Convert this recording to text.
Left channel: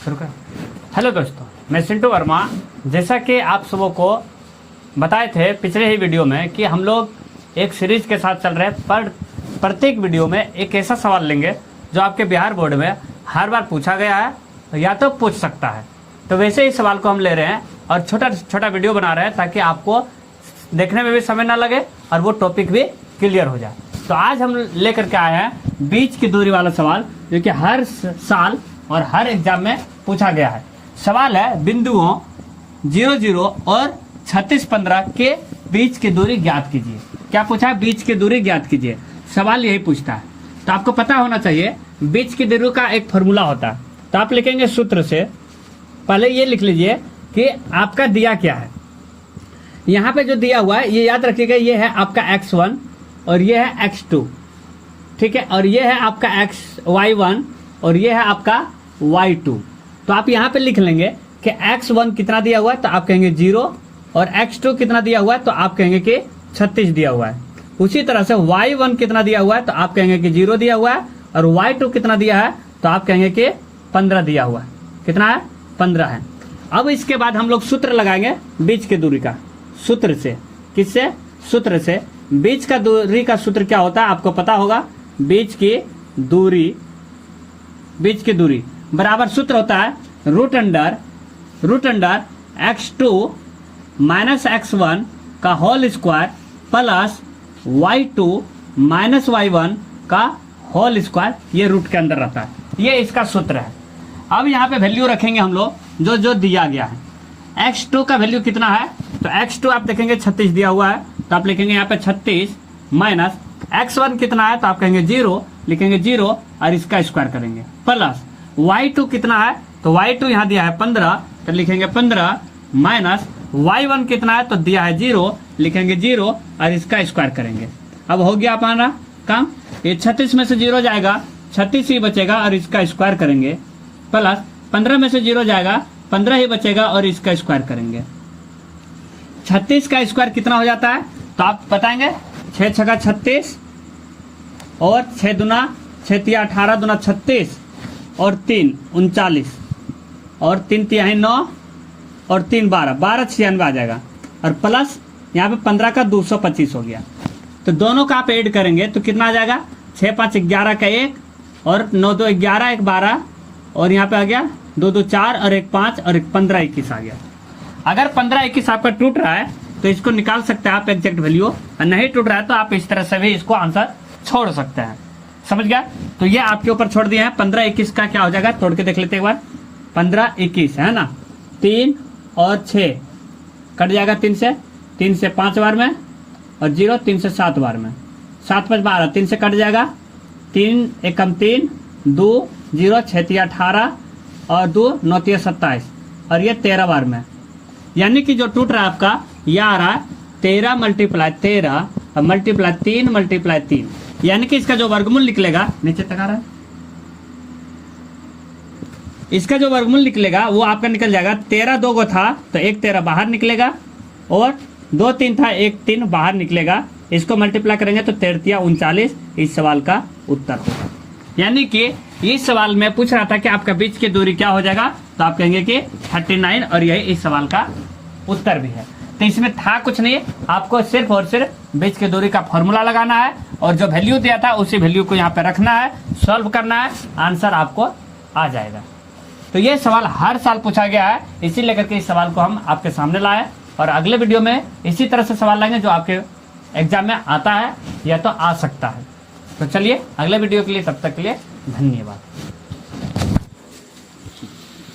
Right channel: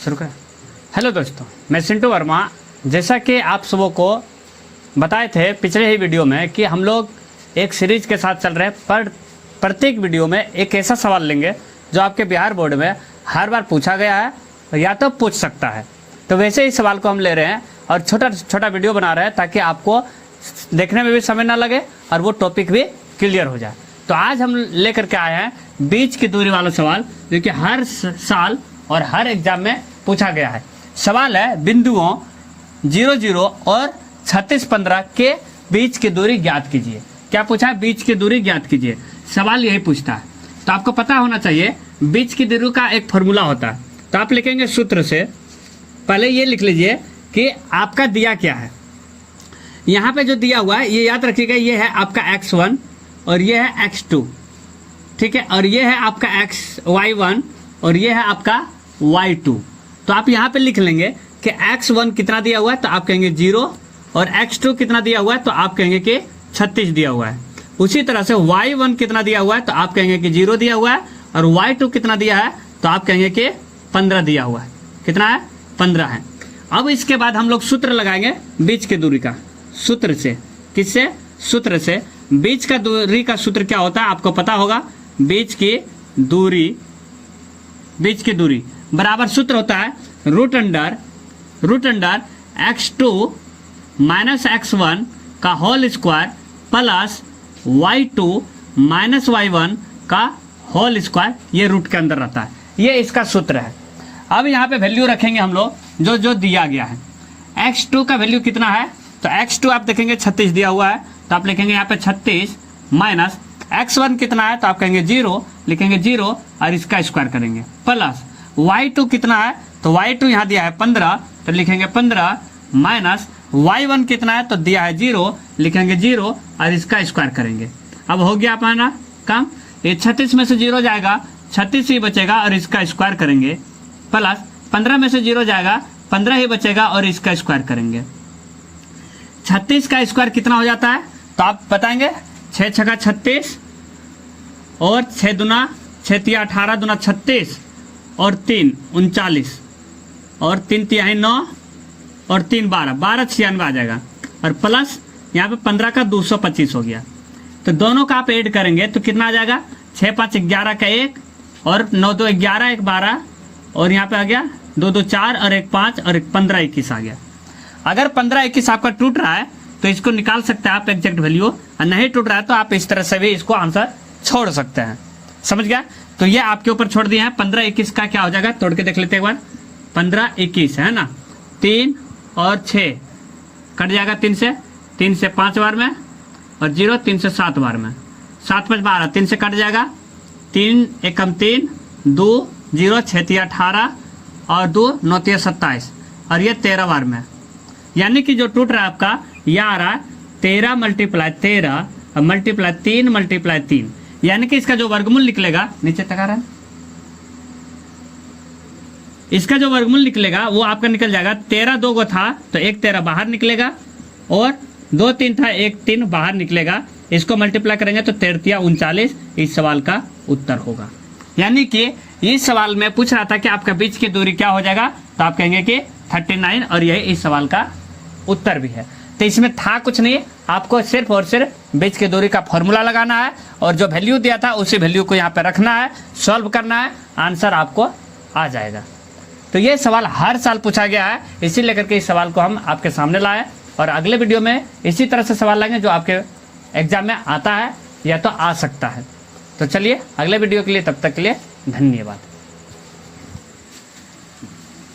शुरू करें। हेलो दोस्तों, मैं सिंटू वर्मा। जैसा कि आप सबों को बताए थे पिछले ही वीडियो में कि हम लोग एक सीरीज के साथ चल रहे हैं, पर प्रत्येक वीडियो में एक ऐसा सवाल लेंगे जो आपके बिहार बोर्ड में हर बार पूछा गया है या तो पूछ सकता है। तो वैसे ही सवाल को हम ले रहे हैं और छोटा छोटा वीडियो बना रहे हैं ताकि आपको देखने में भी समय ना लगे और वो टॉपिक भी क्लियर हो जाए। तो आज हम लेकर के आए हैं बीच की दूरी वाला सवाल, जो कि हर साल और हर एग्जाम में पूछा गया है। सवाल है बिंदुओं 0, 0 और 36, 15 के बीच की दूरी ज्ञात कीजिए। क्या पूछा है? बीच की दूरी ज्ञात कीजिए। सवाल यही पूछता है, तो आपको पता होना चाहिए बीच की दूरी का एक फॉर्मूला होता है। तो आप लिखेंगे सूत्र से, पहले ये लिख लीजिए कि आपका दिया क्या है। यहाँ पे जो दिया हुआ है ये याद रखिएगा, ये है आपका x1 और ये है x2, ठीक है, और ये है आपका y1 और ये है आपका y2। तो आप यहाँ पे लिख लेंगे कि x1 कितना दिया हुआ है, तो आप कहेंगे 0, और x2 कितना दिया हुआ है, तो आप कहेंगे कि 36 दिया हुआ है। उसी तरह से y1 कितना दिया हुआ है, तो आप कहेंगे कि 0 दिया हुआ है, और y2 कितना दिया है, तो आप कहेंगे कि 15 दिया हुआ है। कितना है? 15 है। अब इसके बाद हम लोग सूत्र लगाएंगे बीच की दूरी का। सूत्र से, किससे? सूत्र से। बीच का दूरी का सूत्र क्या होता है आपको पता होगा। बीच की दूरी बराबर सूत्र होता है root under x2 minus x1 का whole square plus y2 minus y1 का होल स्क्वायर। ये रूट के अंदर रहता है, ये इसका सूत्र है। अब यहाँ पे वैल्यू रखेंगे हम लोग जो दिया गया है। x2 का वैल्यू कितना है, तो x2 आप देखेंगे 36 दिया हुआ है, तो आप लिखेंगे यहाँ पे 36 माइनस x1 कितना है, तो आप कहेंगे 0, लिखेंगे 0 और इसका स्क्वायर करेंगे, प्लस y2 कितना है, तो y2 यहाँ दिया है 15, तो लिखेंगे 15 माइनस y1 कितना है, तो दिया है 0, लिखेंगे 0 और इसका स्क्वायर करेंगे। अब हो गया हमारा काम। ये 36 में से 0 जाएगा, 36 ही बचेगा और इसका स्क्वायर करेंगे, प्लस 15 में से 0 जाएगा, 15 ही बचेगा और इसका स्क्वायर करेंगे। 36 का स्क्वायर कितना हो जाता है, तो आप बताएंगे 6 छका 36 और 6 दूना 6 तिया 18 दूना 36 और 3 39 और 3 तिहाई 9 और 3 12 12 96 आ जाएगा, और प्लस यहाँ पे 15 का 225 हो गया। तो दोनों का आप ऐड करेंगे तो कितना आ जाएगा, 6 5 11 का 1 और 9 2 11 1 12 और यहाँ पे आ गया 2 2 4 और 1 5 और 1 15 21 आ गया। अगर 15 21 आपका टूट रहा है तो इसको निकाल सकते हैं आप एग्जैक्ट वैल्यू, और नहीं टूट रहा है तो आप इस तरह से भी इसको आंसर छोड़ सकते हैं। समझ गया? तो ये आपके ऊपर छोड़ दिया है। 15 21 का क्या हो जाएगा, तोड़ के देख लेते हैं एक बार। 15 21 है ना, 3 और 6 कट जाएगा 3 से 5 बार में, और 0 3 से 7 बार में, 7 5 12 3 से कट जाएगा, 3 एकम 3 2 0 6 3 18 और 2 9 3 27 और ये 13 बार में। यानी कि जो टूट रहा है आपका यह आ रहा है 13 मल्टीप्लाई 13 और मल्टीप्लाई 3 मल्टीप्लाई 3, यानी कि इसका जो वर्गमूल निकलेगा, नीचे तक आ रहा है, इसका जो वर्गमूल निकलेगा वो आपका निकल जाएगा 13 2 गो था तो 1 13 बाहर निकलेगा, और 2 3 था 1 3 बाहर निकलेगा। इसको मल्टीप्लाई करेंगे तो 13 39 इस सवाल का उत्तर होगा। यानी कि इस सवाल में पूछ रहा था कि आपका बीच की दूरी क्या हो जाएगा, तो आप कहेंगे कि 39, और यही इस सवाल का उत्तर भी है। तो इसमें था कुछ नहीं, आपको सिर्फ और सिर्फ बीच की दूरी का फॉर्मूला लगाना है और जो वैल्यू दिया था उसी वैल्यू को यहाँ पे रखना है, सॉल्व करना है, आंसर आपको आ जाएगा। तो ये सवाल हर साल पूछा गया है, इसी लेकर के इस सवाल को हम आपके सामने लाए, और अगले वीडियो में इसी तरह से सवाल लाएंगे जो आपके एग्जाम में आता है या तो आ सकता है। तो चलिए अगले वीडियो के लिए, तब तक के लिए धन्यवाद।